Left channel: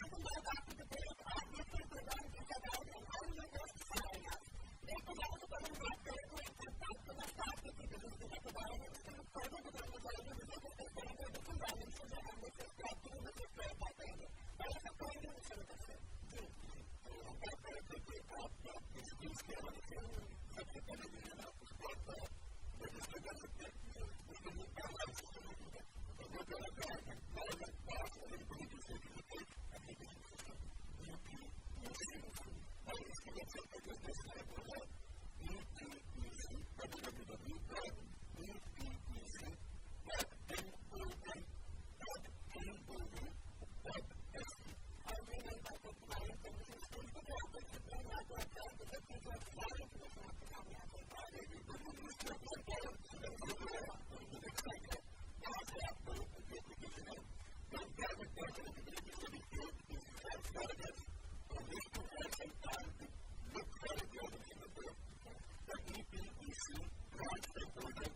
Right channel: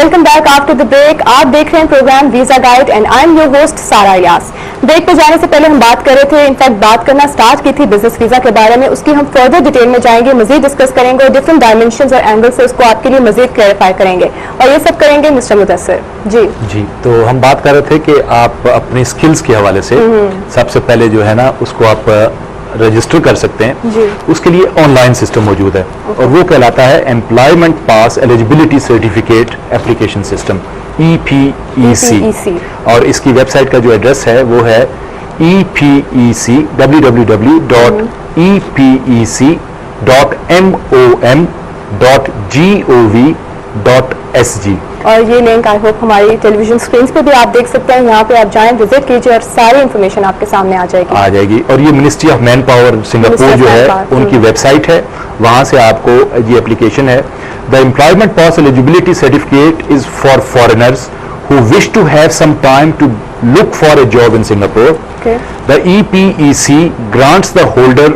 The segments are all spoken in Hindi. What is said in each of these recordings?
Welcome back after the break. आप देख रहे हैं program visa guide and I am your host Sara Ilyas. Break पे जाने से पहले हम बात कर रहे थे, इनफैक्ट बात करना स्टार्ट की थी बिजनेस वीजा के बारे में। उसकी हम फर्दर डिटेल में जाएंगे, मजीद डिस्कस करेंगे और डिफरेंट डायमेंशंस और एंगल से उसको आपके लिए मजीद क्लैरिफाई करेंगे और ये सब करेंगे मिस्टर मुदस्सिर जी। तो हम बात कर रहे थे कि आप अपनी स्किल्स के हवाले से सबसे पहले जो है ना उसको आप रजिस्टर कर सकते हैं। उसके लिए ऑनलाइन सिस्टम मौजूद है और वो कहलाता है employment pass eligibility certificate application system EPEC। और इसकी वेबसाइट का जो एड्रेस है वो है EPEC www.epec.mom.gov.sg। और ये लिंक आई होप हमारी टेलीविजन स्क्रीन पे भी आप देख सकते हैं। यहाँ पे आप जाएं, विजिट कीजिए और सारी इंफॉर्मेशन आपके सामने आ जाएगी। और ये ministry of man power Singapore जो है उनकी वेबसाइट है, वहां से आपको ये एप्लीकेशन है। The employment pass eligibility certificate is for foreigners who wish to have some time to look for a job in Singapore. The EPEC grants the holder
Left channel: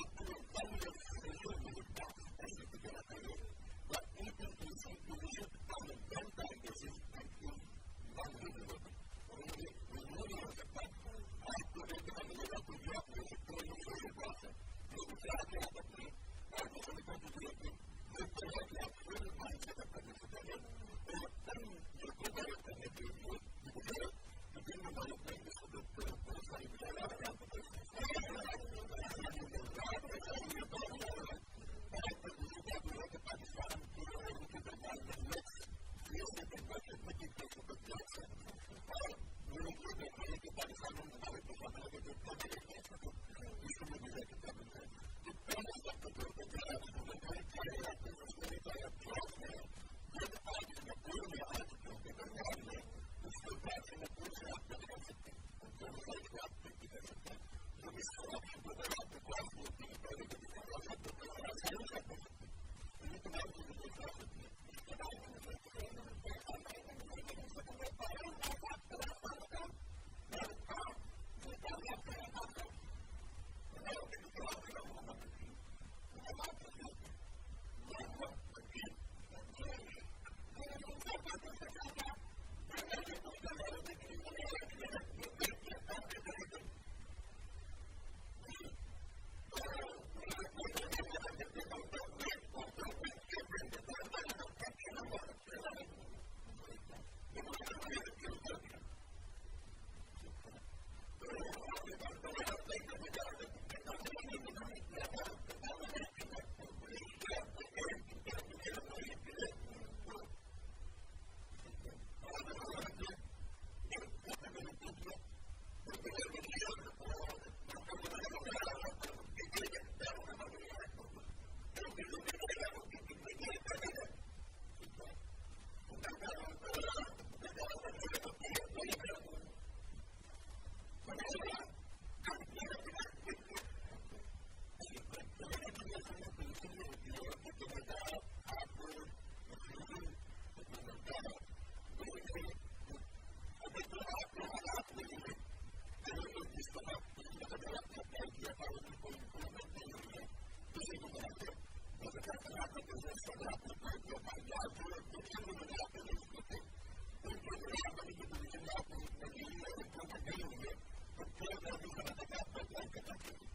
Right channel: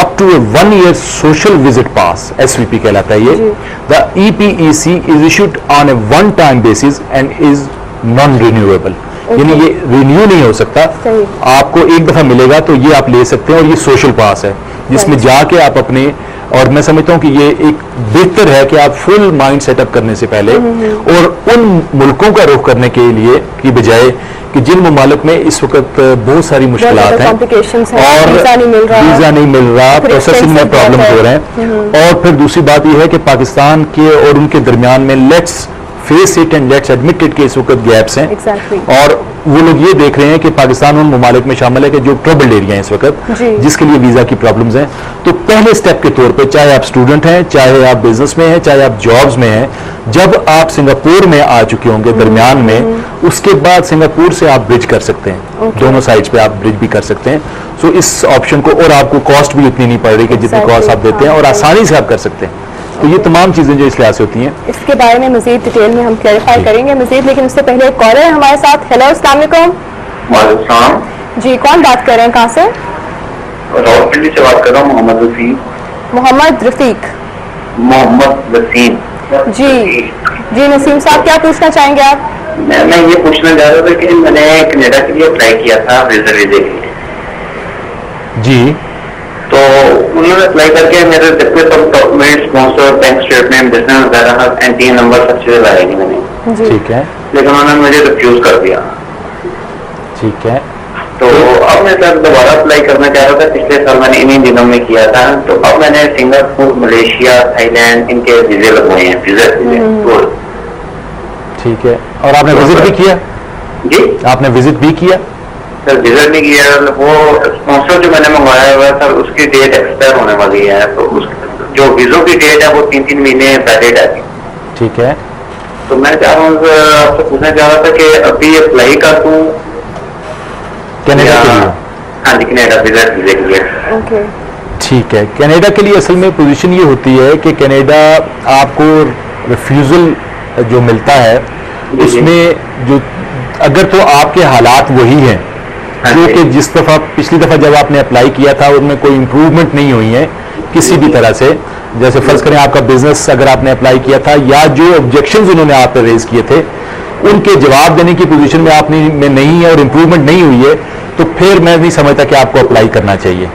up to a 1-year social visit pass, SVP कहलाता है ये। The EPEC is issued on a one-time basis and is non-renewable. यानी ये रिन्यू नहीं हो सकता, आपको एक दफा मिलेगा तो ये आप ले सकते हैं। और ये सोशल पास है जिसमें जाके आप अपने, और मैं समझता हूँ कि ये एक बेहतर है कि आप फुल माइंड सेटअप करने से पहले और उन मुल्कों का रुख करने के लिए की बजाय कि जिन ममालिक में इस वक्त बहुत सारी मुश्किलात हैं और वीजा नहीं मिल रहा, प्रोसेसिंग में प्रॉब्लम हो रहे हैं। और फिर दूसरी बात यह है कि पाकिस्तान के और उनके दरमियान में let's face it and let's admit it के इस वक्त गैप्स हैं। और वो लोग ये देख रहे हैं कि पाकिस्तान उन ममालिक में शामिल है कि जो ट्रबल्ड एरिया है इस वक्त, जिसके लिए वीजा की प्रॉब्लम्स हैं। तो पहले स्टेप के तौर पे, चाहे आप स्टूडेंट हैं, चाहे आप बिजनेस में हैं, चाहे आप जॉब्स में हैं, जब आप सिंगापुर में आ चुके होंगे दरमियान में, उसके बाद सिंगापुर से आप ब्रिज कर सकते हैं। दोनों साइड्स पे आप ब्रिज भी कर सकते हैं। सो इस ऑप्शन को, और आपको कॉस्ट भी उतनी नहीं पड़ रही कि जितनी कॉस्ट आप देते हैं, और आसानी से आप कर सकते हैं। तो ये तमाम चीजें जो इस लिहाज से होती हैं, इसके बारे में मजीद डिटेल में हम क्लैरिफाई करेंगे मजीद। लेकिन उससे पहले एक कॉलर है हमारे साथ। हेलो, अस्सलाम वालेकुम जी, कौन बात कर रहे हैं, कहाँ से? रावलपिंडी से बात कर रहा हूँ, मोहम्मद रफीक जी। जी नसीम साहब, क्या पूछना चाहेंगे आप? मैं ये पूछना चाह रहा था कि मैंने कनाडा के लिए अप्लाई किया था वीजा के लिए जी। तो उन्होंने अप्लाई करके मेरे जितने सब document, sponsor, bank statement, business वगैरह, एनटीए नंबर सब चीजें लगाई मैंने, ठीक है, लेकिन उन्होंने मुझे रिफ्यूज कर दिया। ठीक है। तो अब मैं सर दोबारा अप्लाई करना चाह रहा था। पिछले साल मैंने इन्हीं दिनों में किया था। तो अब मैंने सिंगापुर, मलेशिया, थाईलैंड, इनके वीजे लगवाए हैं, वीजा। ठीक है। और आपने विजिट भी किया? जी, आपने विजिट भी किया? सर विजिट नहीं किया। वो स्पॉन्सर जो मैंने मंगवाया हुआ है सर, उसकी डेट एक्सपायर होने वाली है। तो उस जो वीजों की डेट है वो 3-3 महीने पहले जाती है। ठीक है। तो मैं चाह रहा हूँ, आपसे पूछना चाह रहा था कि अभी अप्लाई कर दूँ कनाडा के लिए? हाँ जी, कनाडा वीजा के लिए। ठीक है। कनाडा के लिए असल में पोजीशन ये होती है कि कनाडा आपको रिफ्यूजल जो मिलता है उसमें जो, अगर तो आपके हालात वही हैं जो कि जिस दफा पिछली दफा जब आपने अप्लाई किया था उनमें कोई इंप्रूवमेंट नहीं हुई है किसी भी तरह से, जैसे फर्ज करें आपका बिजनेस अगर आपने अप्लाई किया था या जो ऑब्जेक्शंस उन्होंने आप पे रेज किए थे उनके जवाब देने की पोजीशन में आप में नहीं है और इंप्रूवमेंट नहीं हुई है, तो फिर मैं नहीं समझता कि आपको अप्लाई करना चाहिए।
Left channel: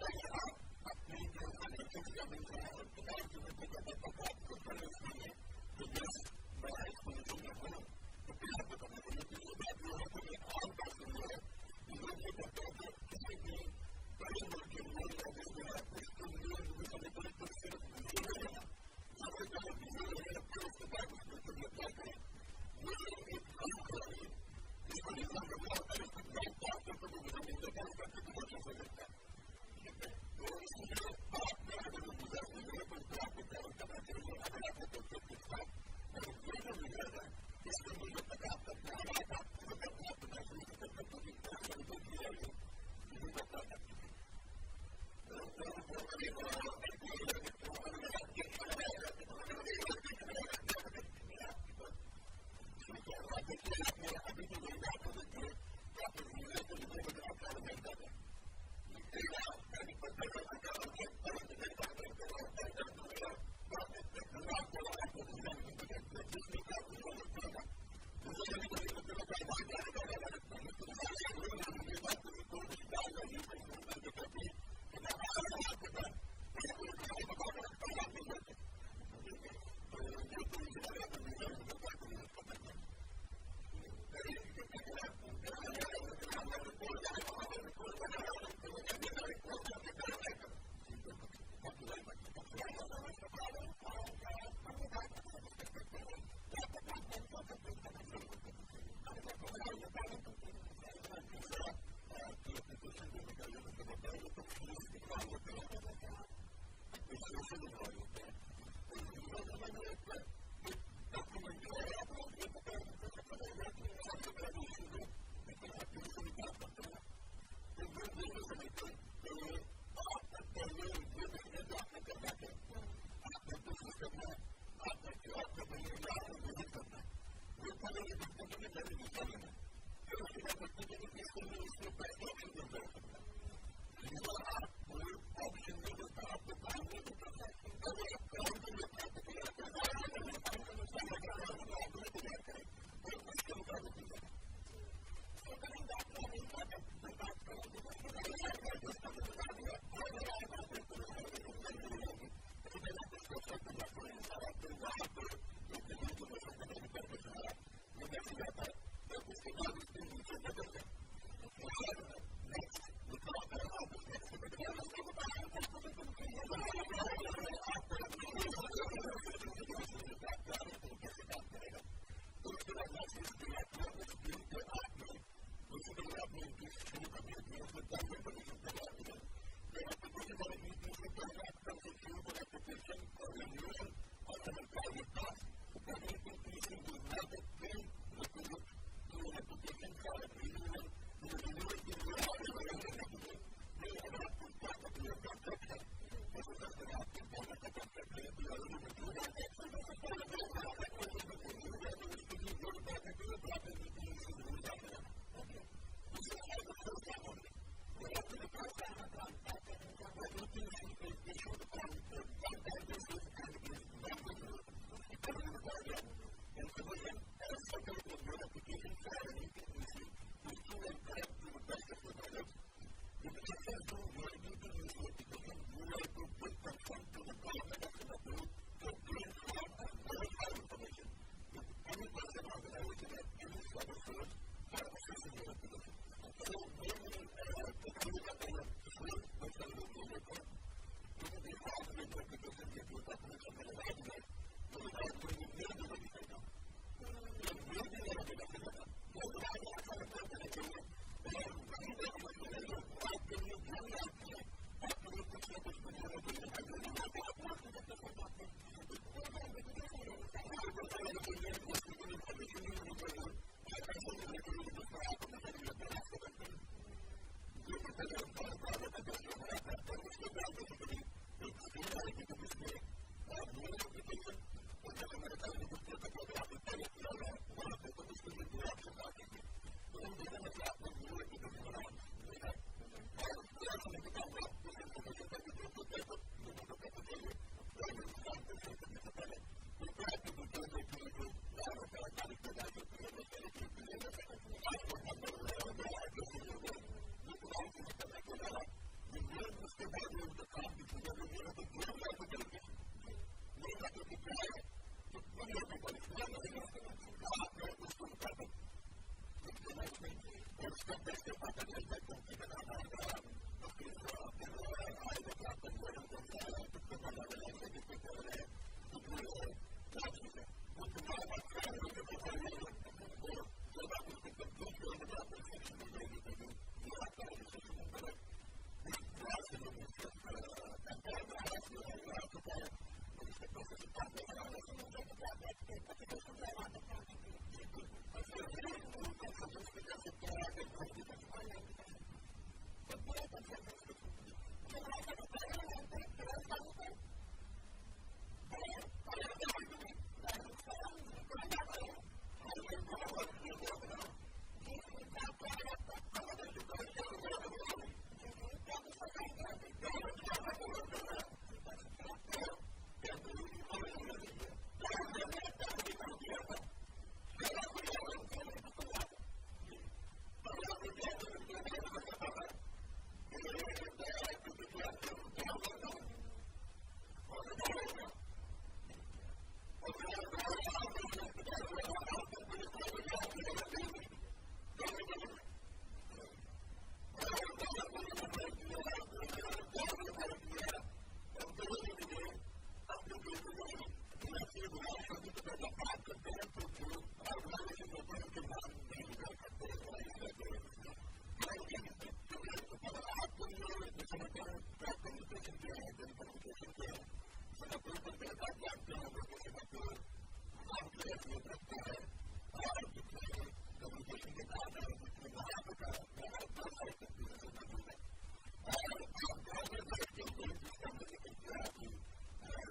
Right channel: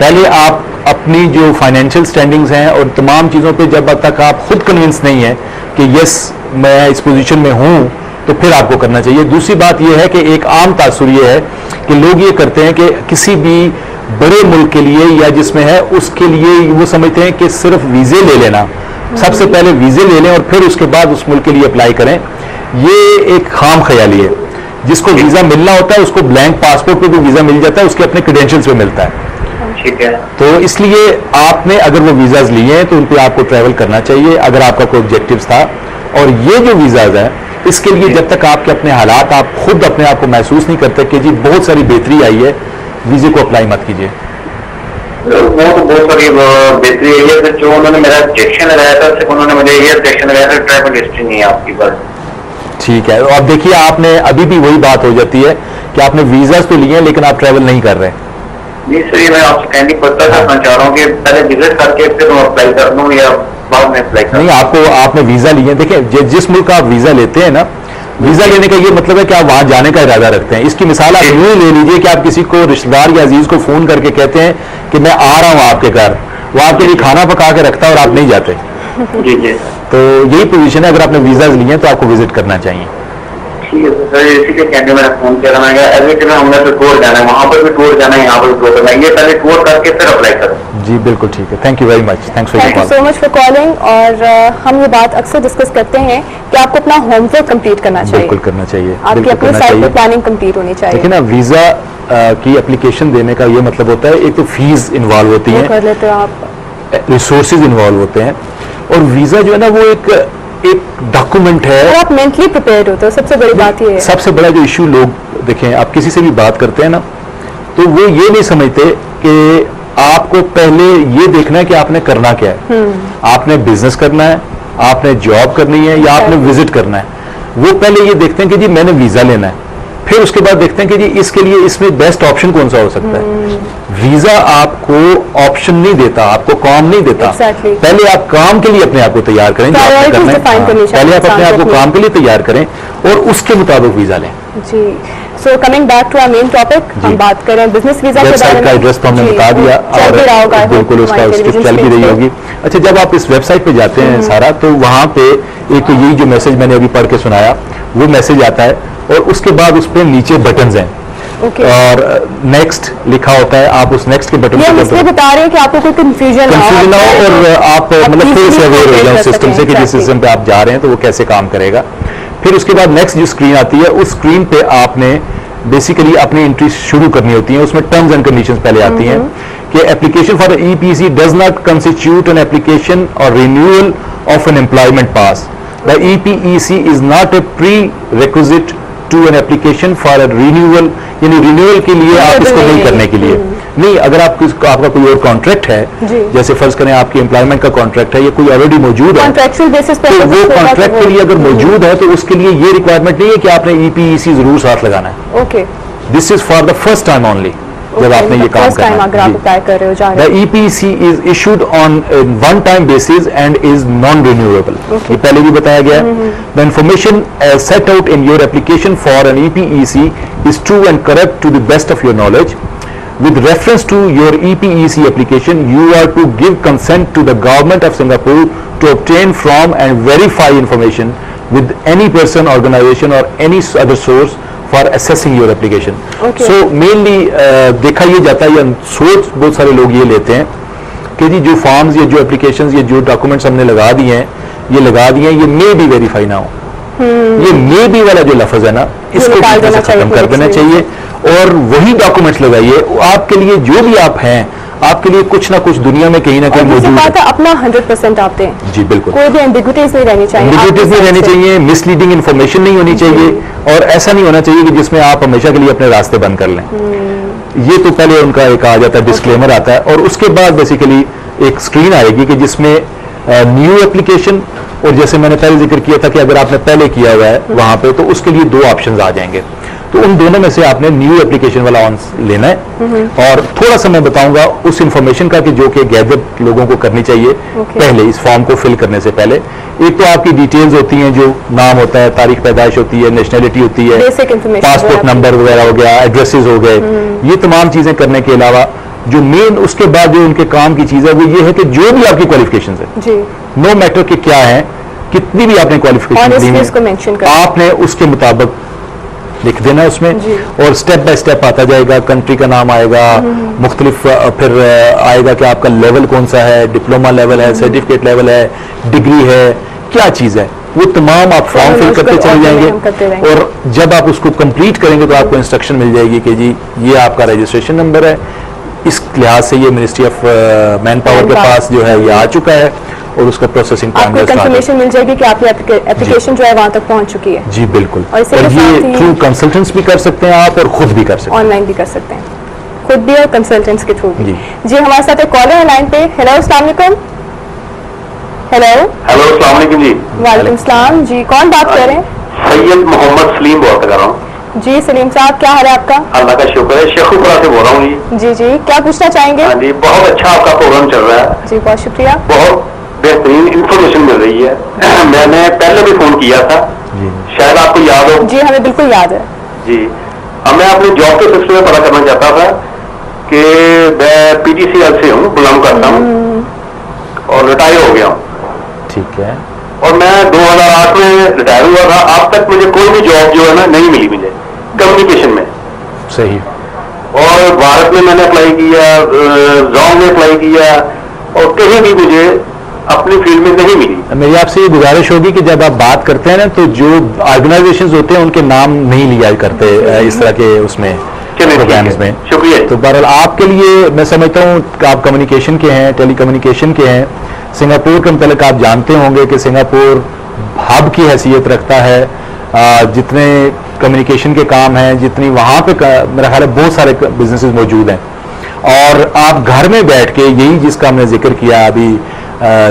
पहले आप अपनी जो फाइनेंशियल स्टैंडिंग्स हैं और तमाम चीज़ों पे जब तक आप खुद कन्विंस नहीं है कि यस मैं इस पोजीशन में हूँ, तो फिर आपको करना चाहिए। दूसरी बात यह है कि एक आम तासुर ये है कि लोग ये करते हैं कि किसी भी बड़े मुल्क के लिए या जिसमें है उसके लिए वो समझते हैं कि सिर्फ वीज़े ले लेना, सबसे पहले वीज़े ले लें और फिर उसके बाद उस मुल्क के लिए अप्लाई करें। ये एक खाम ख्याली है। जिसको वीज़ा मिलना होता है उसको ब्लैंक पासपोर्ट पे भी वीज़ा मिल जाता है, उसके अपने क्रेडेंशियल्स पे मिलता है। ठीक है। तो इसलिए आपने अगर वो वीज़ाज लिए हैं तो उन पर आपको ट्रैवल करना चाहिए अगर आपका कोई ऑब्जेक्टिव था। और ये जो वीज़ाज है इसके लिए जब तक आपके अपने हालात आप खुद अपने आप को महसूस नहीं करते कि जी बहुत सारी बेहतरी आई है, वीज़े को अप्लाई मत कीजिए। वो तो बहुत सारी बेहतरी आई है। जो उन्होंने मेरा ऑब्जेक्शन लगाया था, सिर्फ उन्होंने मुझे ये ऑब्जेक्शन लगाया था ट्रैवल हिस्ट्री नहीं है आपकी, बस। ठीक है। अब देखिए, आपने अभी भी वही बात हो जाती है कि आपने वीज़ाज तो लिए हैं लेकिन आप ट्रैवल नहीं कर रहे। नहीं सर, ये मैं आपसे कहनी पड़ता करना चाह रहा हूँ कि पहले विजिट करके फिर अप्लाई कर दूँ या बाद में अप्लाई नहीं, आपको आपने वीजा लिए, देखिए जिस मुल्क का आप वीजा लेते हैं ना, वीजा लेने का ये मतलब है कि आप वहां जाने का इरादा रखते हैं। इसकी मिसाल आप यूं ही ले लीजिए कि आप किसी को रिश्तेदार या अजीज को फोन करके कहते हैं कि मैं आ रहा हूं आपके घर, वो आपके लिए खाना पका के रखता है और आप नहीं जाते। जी जी, तो यही पोजीशन है, अगर आपने वीजा लिए हैं तो आपको विजिट करना चाहिए। ठीक है सर, इसी के कहने मैंने फोन किया था। मैं एडमिट में हमने तो टूर जाना है, वहाँ पर भी टूर जाना है, यहाँ पर भी टूर करना है, ये पहले टूर करके फिर अप्लाई करो। जी बिल्कुल ठीक है, thank you very much, thanks for your thank you call. So much for calling. और हम ये बात अक्सर डिस्कस करते हैं कि आपको अपना होमवर्क कंप्लीट करना चाहिए, बिल्कुल करना चाहिए, आपकी बिल्कुल अपनी करना साइड पे चाहिए। प्लानिंग कंप्लीट होनी चाहिए। देखिए ना, वीजा की एप्लीकेशन देने का ये मतलब होता है, एक तो फीस इन्वॉल्व होती वो है, कर लेते हो आप, रिसोर्सेज इन्वॉल्व होते हैं, और वीजा जो है ना वो एक डॉक्यूमेंट है। और आप मेंटली प्रिपेयर्ड होते हो, सबसे बड़ी बात ये है। सबसे बड़ा जो इशू लोग देखें, आप किसी से भी बात करते हैं ना, तो वो ये नहीं समझते कि आपको पहले ये देखना है कि आपने करना क्या है। आपने बिजनेस करना है, आपने जॉब करनी है, या आपने विजिट करना है। वो पहले ये देखते हैं कि जी मैंने वीजा लेना है, फिर उसके बाद देखते हैं कि जी इसके लिए इसमें बेस्ट ऑप्शन कौन सा हो सकता है। वीजा आपको ऑप्शन नहीं देता, आपको काम नहीं देता। Exactly. पहले आप काम के लिए अपने आप को तैयार करें, जो आपने Priorities करना है। define करनी चाहिए पहले आप अपने आप को इंसान को काम के लिए तैयार करें और उसके मुताबिक वीजा लें। जी। So coming back to our main topic, हम बात करें बिजनेस वीजा के बारे वेबसाइट में। का एड्रेस तो हमने जी, बता दिया, चल भी रहा होगा, और बिल्कुल उसका हमारे उसकी टेलीविजन चल भी स्क्रीन रही पे। होगी। अच्छा, जब आप इस वेबसाइट पे जाते हैं सारा, तो वहां पे एक तो यही जो मैसेज मैंने अभी पढ़ के सुनाया, वो मैसेज आता है, और उसके बाद उस पे नीचे बटन्स हैं, ओके। और नेक्स्ट लिखा होता है। आप उस नेक्स्ट के बटन ये हम पे इसलिए बता रहे हैं कि आपको कोई कंफ्यूजन ना हो, और आप मतलब थोड़े से अवेयर हो जाओ सिस्टम से कि जिस Exactly. सिस्टम पे आप जा रहे हैं तो वो कैसे काम करेगा। फिर उसके बाद नेक्स्ट जो स्क्रीन आती है, उस स्क्रीन पे आपने बेसिकली अपनी एंट्री शुरू करनी होती है। उसमें टर्म्स एंड कंडीशंस पहले आती हैं कि application for EPC does not constitute an application और renewal of an employment pass. The EPEC is not a prerequisite to an application for a renewal, यानी रिन्यूअल के लिए आप इसको नहीं करने के लिए नहीं। अगर आपका कोई और कॉन्ट्रैक्ट है, जैसे फर्ज करें आपकी एम्प्लॉयमेंट का कॉन्ट्रैक्ट है, या कोई ऑलरेडी मौजूद है, कॉन्ट्रैक्चुअल बेसिस पे, तो वो कॉन्ट्रैक्ट के लिए अगर मौजूद है तो उसके लिए ये रिक्वायरमेंट नहीं है कि आपने ईपीईसी जरूर साथ लगाना है। Okay, this is for the first time only, जब आपने ये काम फर्स्ट टाइम करना अगर आप है। अप्लाई कर रहे हो, जा The रहे हो। EPC is issued on a one-time basis and is non-renewable. ये पहले भी बताया गया है। The information set out in your application for an EPEC is true and correct to the best of your knowledge. With reference to your EPEC application, you are to give consent to the government of Singapore to obtain from and verify information with any person, organization or any other source for assessing your application. Okay. So mainly देखा ये जाता है, या सोच बहुत सारे लोग ये लेते हैं कि जी जो फॉर्म्स, ये जो एप्लीकेशंस, ये जो डॉक्यूमेंट्स हमने लगा दिए हैं, ये मे भी वेरीफाई ना हो। ये मे भी वाला जो लफ्ज है ना, इसको निकाल देना खत्म चाहिए कर देना चाहिए, और वही डॉक्यूमेंट्स लगाइए। आपके लिए जो भी आप हैं, आपके लिए कुछ ना कुछ दुनिया में कहीं ना कहीं और दूसरी मौजूद बात है। है, अपना 100% आप दें, जी बिल्कुल, कोई भी एम्बिग्युइटीज नहीं रहनी चाहिए, एम्बिग्युइटीज नहीं आपकी रहनी साइड से। चाहिए, मिसलीडिंग इन्फॉर्मेशन नहीं होनी चाहिए, और ऐसा नहीं होना चाहिए कि जिसमें आप हमेशा के लिए अपने रास्ते बंद कर लें। ये तो पहले उनका एक आ जाता है, डिस्क्लेमर आता है, और उसके बाद बेसिकली एक स्क्रीन आएगी कि जिसमें न्यू एप्लीकेशन, और जैसे मैंने पहले जिक्र किया था कि अगर आपने पहले किया हुआ है वहां पे, तो उसके लिए दो ऑप्शंस आ जाएंगे। तो उन दोनों में से आपने न्यू एप्लीकेशन वाला ऑन लेना है। और थोड़ा सा मैं बताऊंगा उस इंफॉर्मेशन का कि जो कि गैजेट लोगों को करनी चाहिए पहले इस फॉर्म को फिल करने से पहले। एक तो आपकी डिटेल्स होती हैं, जो नाम होता है, तारीख पैदाइश होती है, नेशनैलिटी होती है, Basic information पासपोर्ट वगैरह नंबर वगैरह हो गया, एड्रेसेस हो गए, ये तमाम चीजें करने के अलावा जो मेन उसके बाद जो उनके काम की चीज है वो ये है कि जो भी आपकी क्वालिफिकेशन है, जी, नो मैटर कि क्या है, कितनी भी आपने क्वालिफिकेशन दी Honestly उसको mention है, करें। आपने उसके मुताबिक लिख देना उसमें, जी। और स्टेप बाय स्टेप आता जाएगा, कंट्री का नाम आएगा, मुख्तलिफ फिर आएगा कि आपका लेवल कौन सा है, डिप्लोमा लेवल है, सर्टिफिकेट लेवल है, डिग्री है, क्या चीज है, वो तमाम आप फॉर्म फिल करते चले हम करते जाएंगे। रहेंगे। और जब आप उसको कंप्लीट करेंगे तो आपको इंस्ट्रक्शन मिल जाएगी कि जी ये आपका रजिस्ट्रेशन नंबर है, इस लिहाज से ये मिनिस्ट्री ऑफ मैन पावर के पास जो है ये आ चुका है, और उसका प्रोसेसिंग आपको कंफर्मेशन मिल जाएगी कि आपकी एप्लीकेशन जो है वहां तक पहुंच चुकी है। जी बिल्कुल, और इसके और साथ ये ही- थ्रू कंसल्टेंट्स भी कर सकते हैं आप, और खुद भी कर सकते ऑनलाइन भी कर सकते हैं, खुद भी और कंसल्टेंट्स के थ्रू भी। जी। जी, हमारे साथ एक कॉलर है लाइन पे। हेलो, अस्सलाम वालेकुम। हेलो, हेलो, अस्सलाम वालेकुम जी। वालेकुम सलाम जी, कौन बात कर रहे हैं? सैयद मोहम्मद सलीम बात कर रहा हूँ। जी सलीम साहब, क्या हाल है आपका? अल्लाह का शुक्र है, शेखुपुरा से बोल रहा हूँ जी। जी जी, क्या पूछना चाहेंगे? हाँ जी, बहुत अच्छा आपका प्रोग्राम चल रहा है, जी बहुत शुक्रिया। बहुत बेहतरीन इंफॉर्मेशन मिल रही है। मैंने पहले भी फोन किया था, शायद आपको याद हो। जी हमें बिल्कुल याद है जी। अब मैं अपने जॉब के सिलसिले में पता करना चाहता था कि मैं PTCL से हूँ, बिलोंग करता हूँ और रिटायर हो गया हूँ। ठीक है। और मैं 2008 में रिटायर हुआ था। अब तक मुझे कोई भी जॉब जो है ना नहीं मिली मुझे कम्युनिकेशन में। सही। और भारत में मैंने अप्लाई किया, जॉब में अप्लाई किया और कहीं भी मुझे अपनी फील्ड में नहीं मिली। मेरी आपसे ये गुजारिश होगी कि जब आप बात करते हैं ना तो जो ऑर्गेनाइजेशंस होते हैं उनके नाम नहीं लिया करते इस तरह के उसमें प्रोग्राम्स में। शुक्रिया। तो बहरहाल आपके लिए मैं समझता हूँ कि आप कम्युनिकेशन के हैं, टेलीकम्युनिकेशन के हैं। सिंगापुर के मतलब आप जानते होंगे कि सिंगापुर हब की हैसियत रखता है। जितने कम्युनिकेशन के काम हैं, जितनी वहाँ पे मेरा ख्याल है बहुत सारे बिजनेसेस मौजूद हैं और आप घर में बैठ के यही जिसका हमने जिक्र किया अभी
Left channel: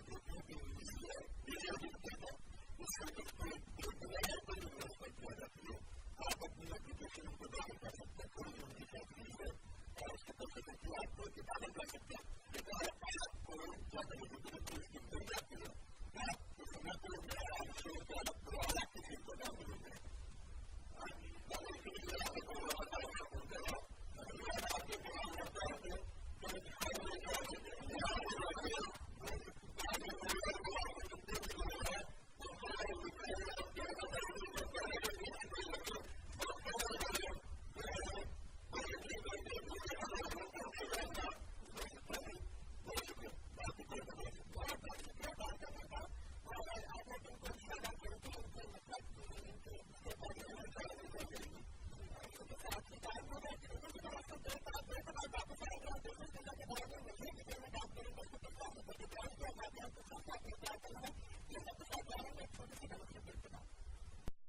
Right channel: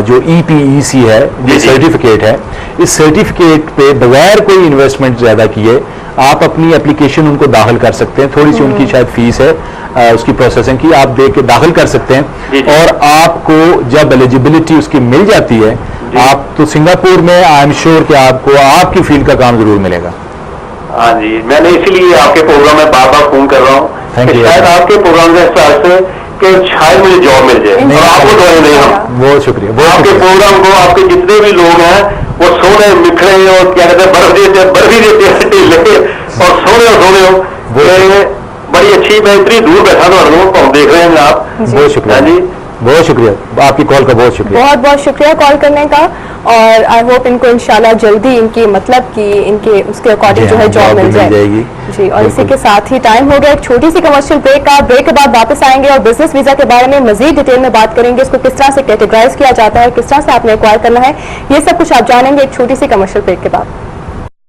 जो EPEC है, ये सर्टिफिकेट है, इस सर्टिफिकेट पे बगैर कोई इन्वेस्टमेंट ज़्यादा किए आप अपनी एप्लीकेशन उनको दाखिल कर सकते हैं। थोड़ी सी उनकी शायद फीस है उसकी प्रोसेसिंग की, आप दे के दाखिल कर सकते हैं और आपको जब एलिजिबिलिटी उसकी मिल जाती है आप तो सिंगापुर में आई एम श्योर कि आपको आपकी फील्ड का काम जरूर मिलेगा। हाँ जी, मैंने इसीलिए आपके प्रोग्राम में बार बार फोन कर रहा हूँ कि शायद आपके प्रोग्राम के हिसाब से कि शायद मुझे जॉब मिल जाए और आपको दवाई नहीं हम। बहुत शुक्रिया। आपके प्रोग्राम को आपके जितने भी लोग हैं वो सोने मिठड़े और क्या कहते हैं बर्फ भी देते हैं ढीले और सोने हो बड़ी अच्छी। मैं इतनी दूर बैठा तो देख रहे हैं आप। बहुत शुक्रिया जी, बहुत शुक्रिया आपकी कॉल का, बहुत शुक्रिया। बहुत बहुत शुक्रिया कॉल करने का और आई होप इनको इंशाल्लाह जल्दी इनकी मतलब कि इनके उसके अकॉर्डिंग जो है जॉब मिल जाएगी जी। और इसी के साथ ही टाइम हो गया एक छोटी सी कमर्शियल ब्रेक का। ब्रेक के बाद वापस आएंगे और बिजनेस वीजा के बारे में मजीद डिटेल में बात करेंगे। इसको किस तरह से कैटेगराइज किया जाता है, किस तरह से आपने एक्वायर करना है, ये सब कुछ आप जानेंगे एक छोटी सी कमर्शियल ब्रेक के बाद।